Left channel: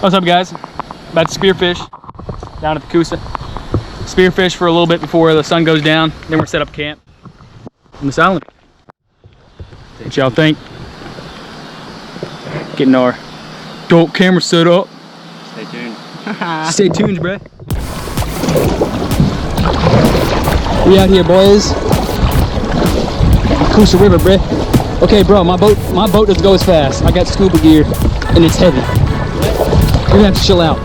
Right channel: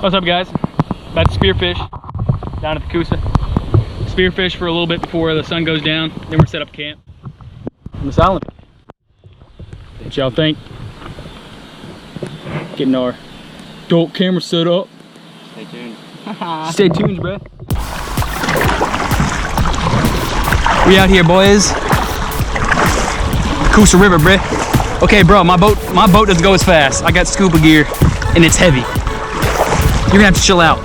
What's up, guys? About to spearfish down at the Coosa. Spearfish for a little bit before the sun goes down. Then we're set up camp on this island. What y'all think? Getting our adult camera set up. Stay tuned. Stay tuned, bruh. We out here, boys. Coosa River, bruh. Okay, bro, my boat doesn't go as fast. I got scuba gear and it's heavy. You're gonna have to chill out.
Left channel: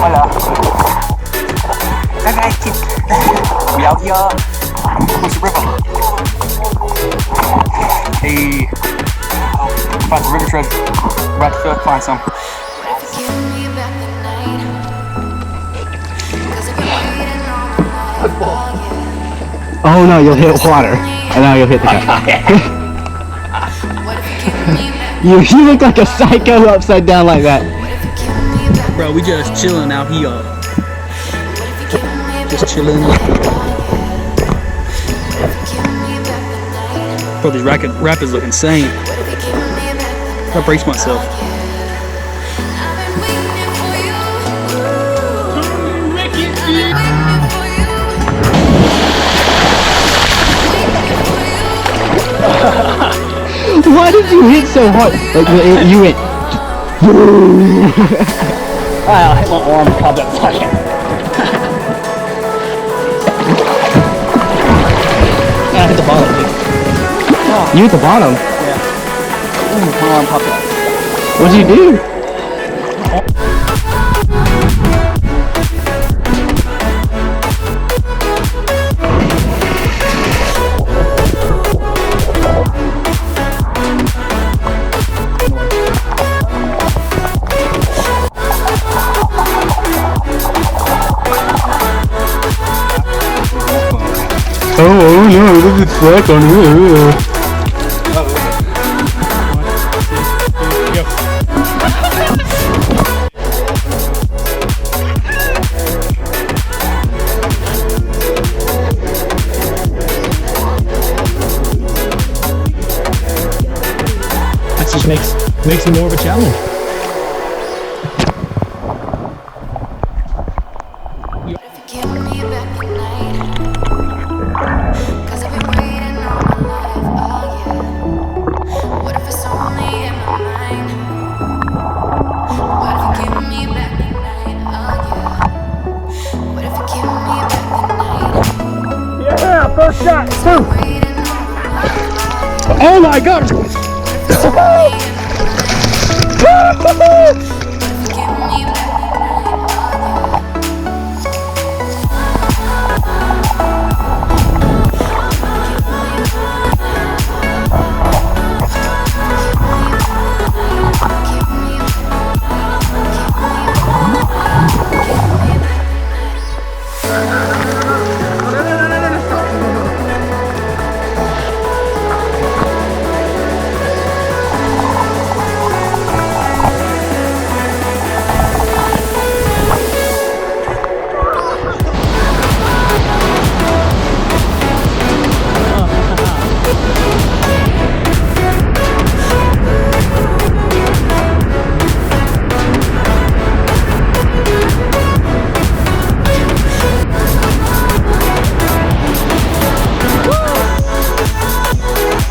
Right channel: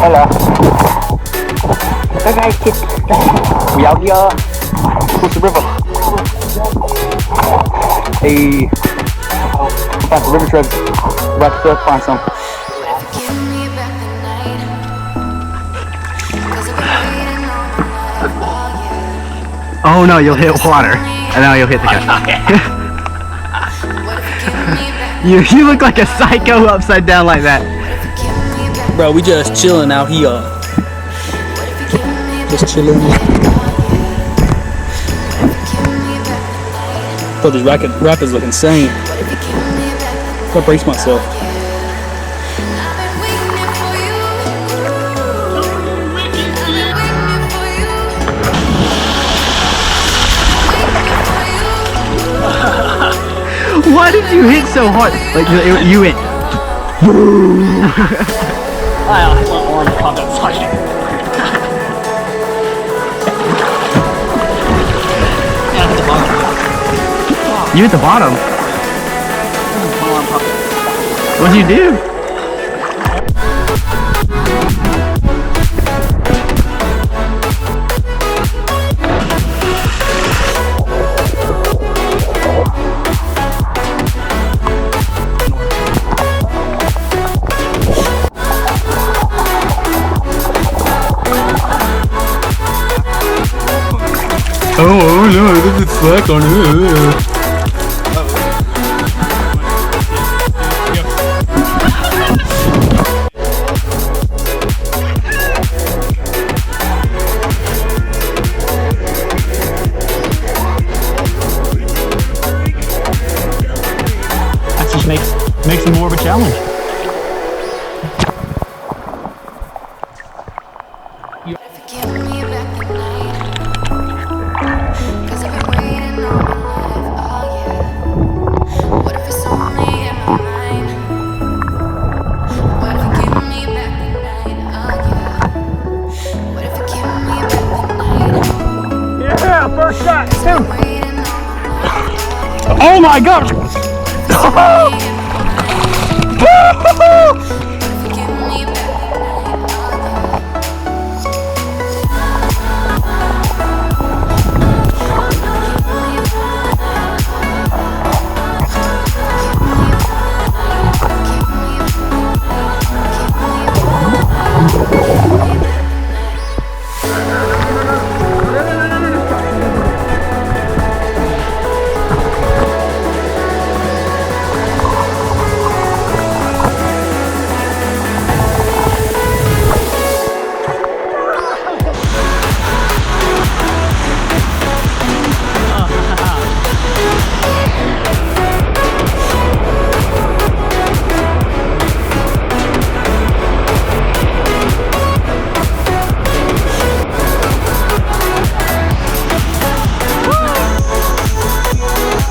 Hola. We out here. Coosa River. Hey. We found some river treasure. We're about to find some. What if you give me back the night? 'Cause I've been waiting all my life. Oh yeah. Oh no, you'll hit water. And now you'll hit the cat. What if you give me back? You look like a psycho upside down like that. What if you give me back? Bro, we just chilling out here. What if you give me back? Just chilling. Oh yeah. What if you give me back the night? Bro, these rapids look insane. What if you give me back the night? I brace myself. Yeah. I've been waiting for you. I've been waiting for you. Why did you hit so hard? Like you went. I'll hit my arm and pop that flash. Yeah, I hit the bottom. You hit the bottom. My arm popped out. What'd you do? Oh no, this is slack on you. That just makes it more of a challenge. What if you give me back the night? 'Cause I've been waiting all my life, oh yeah. What if it's only in my mind? What if you give me back the night, oh yeah. What if you give me back the night? Yeah, first shot. 'Cause I've been waiting all my life, oh yeah. Oh my god! What if it's only in my mind? What if you give me back the night, oh yeah.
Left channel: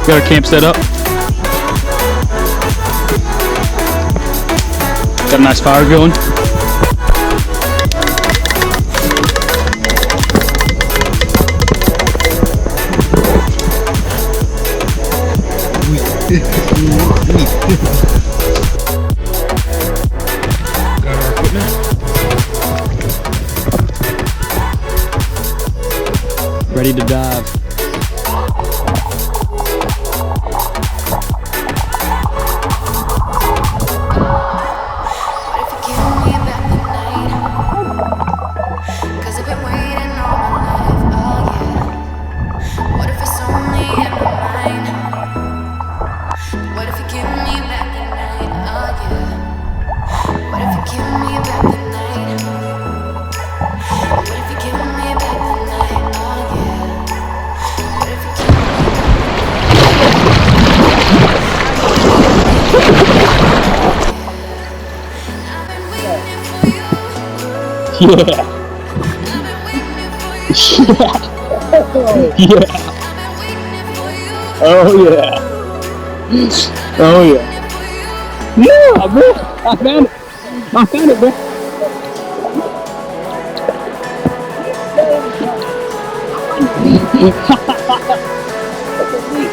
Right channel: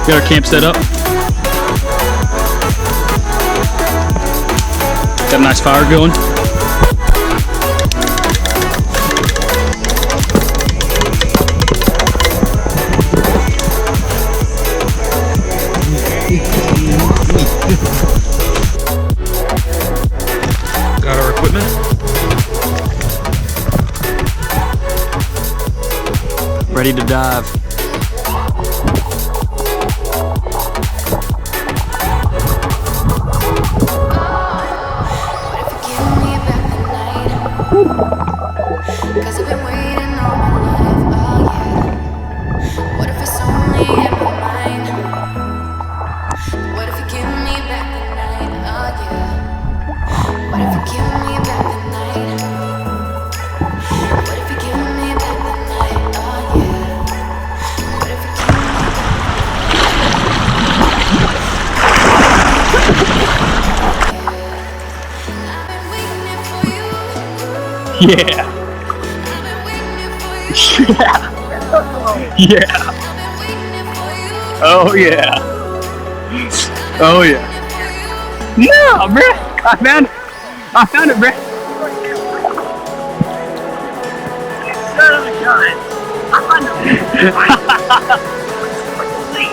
Got our camp set up. Got a nice fire going. Got our equipment. Ready to dive. What if you give me back the night? 'Cause I've been waiting all my life, oh yeah. What if it's only in my mind? What if you give me back the night, oh yeah. What if you give me back the night? What if you give me back the night, oh yeah. What if you give me back the night? Yeah. Yeah. Yeah. Oh yeah. Oh yeah. Yeah, bro. I found it. I found it, bro. Son of a gun. I found the lead.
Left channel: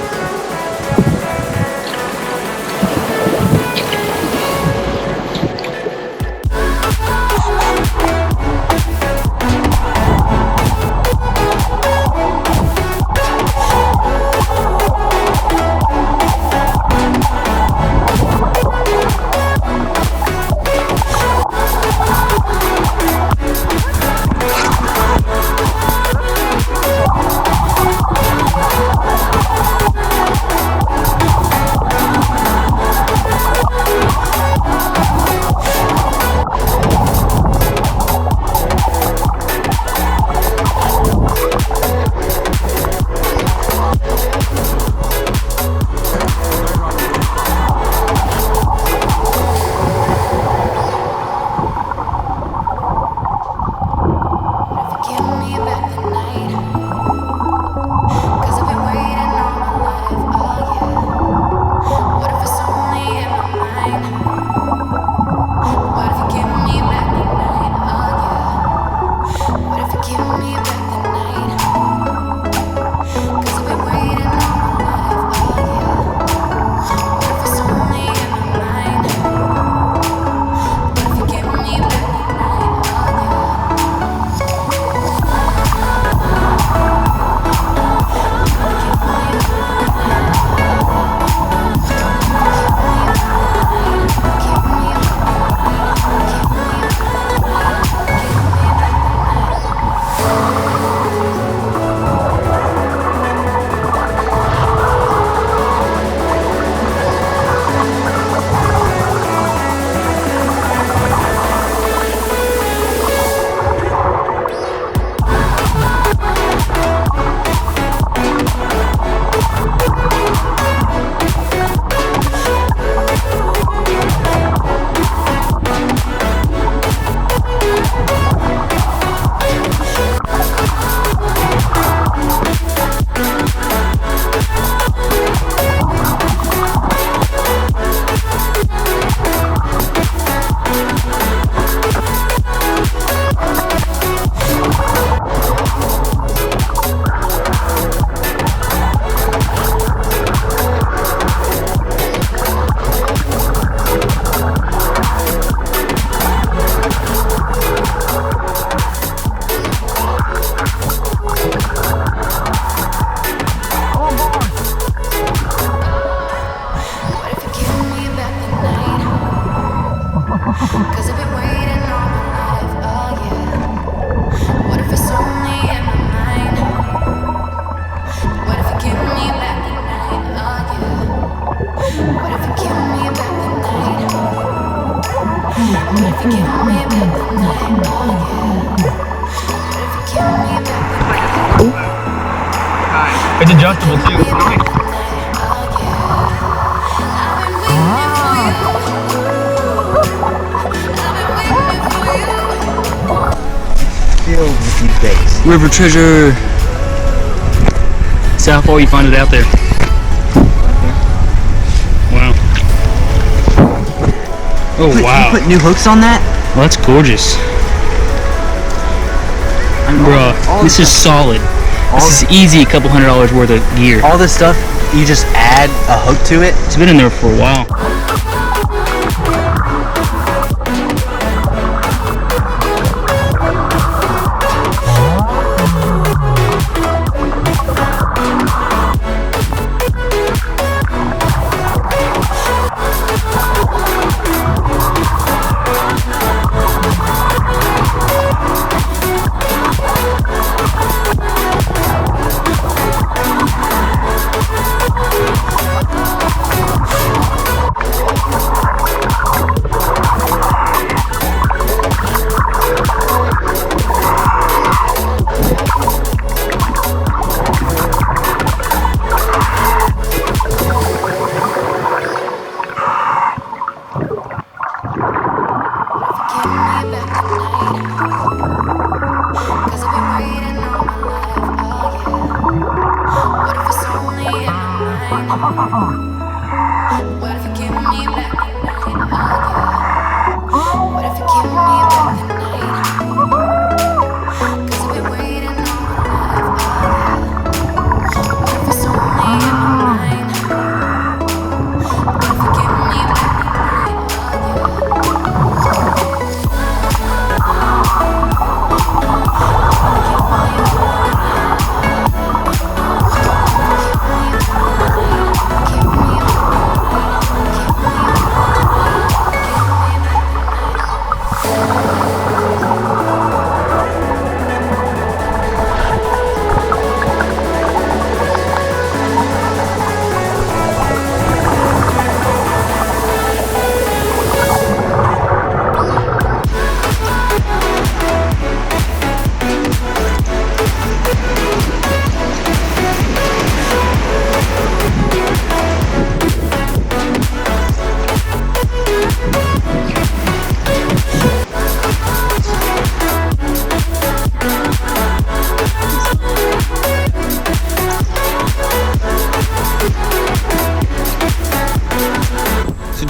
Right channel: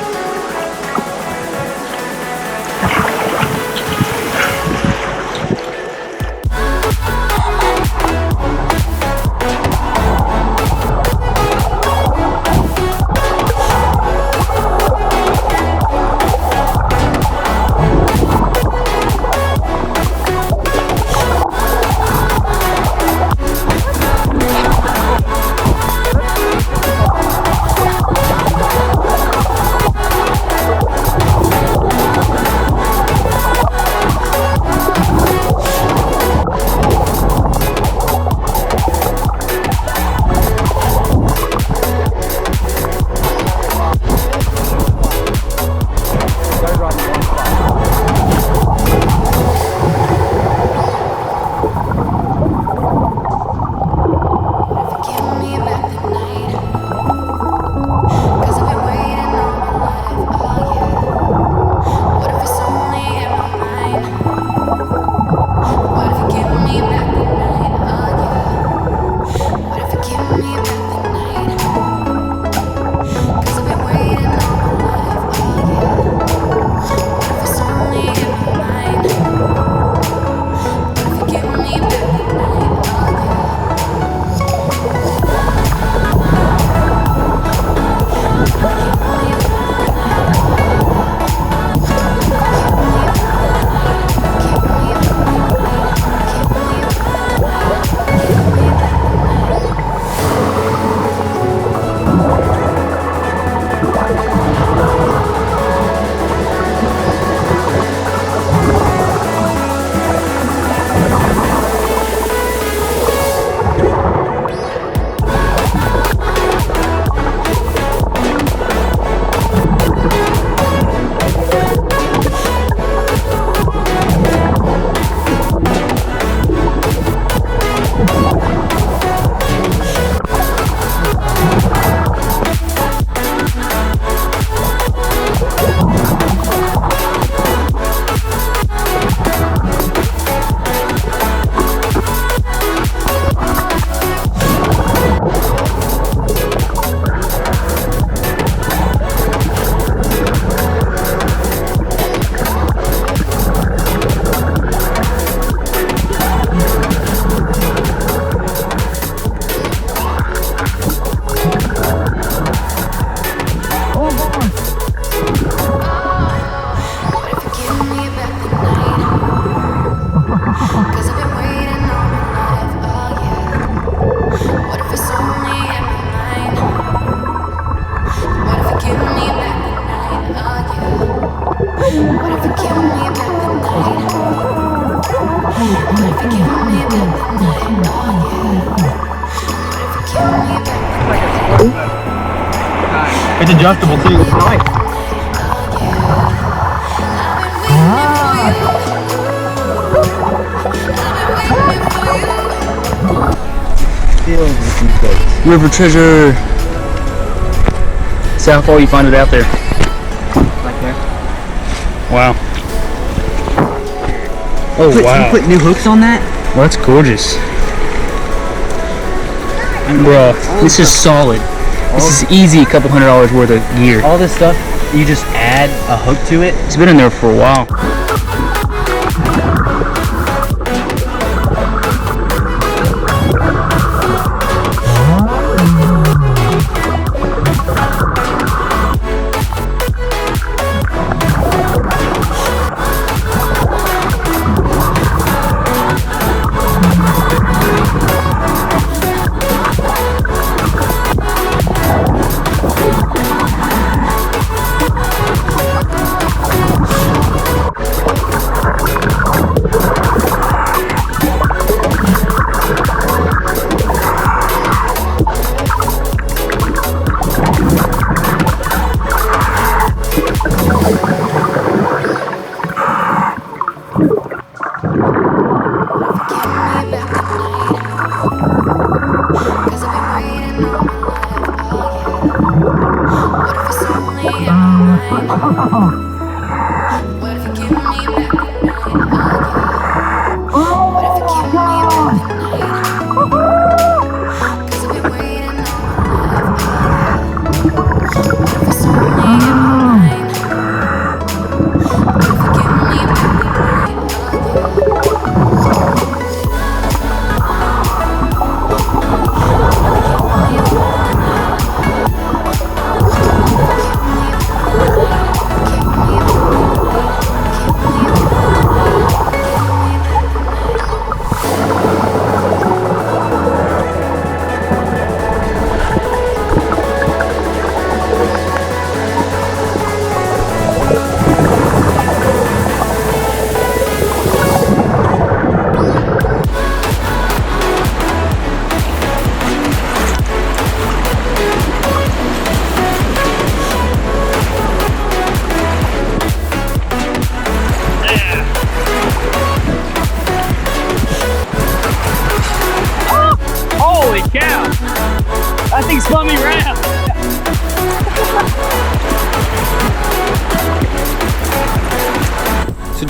It's adjustable too. Nice. Filled with these baits. River treasure. See how far you find it out there. Right there. Wow. Oh wow. You put new hooks on that? Well, that's gorgeous. Bruh, this is solid. This is easy a couple $100 worth of gear. All this stuff, you just add a hook to it. It's been in there for a while.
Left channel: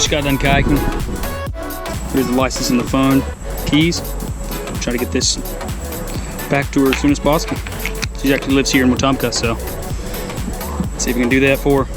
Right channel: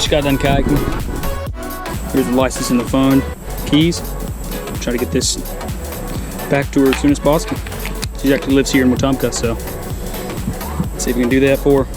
just got done kayaking. Here's the license and the phone, keys. Try to get this back to her as soon as possible. She actually lives here in Wetumpka, so let's see if we can do that for her.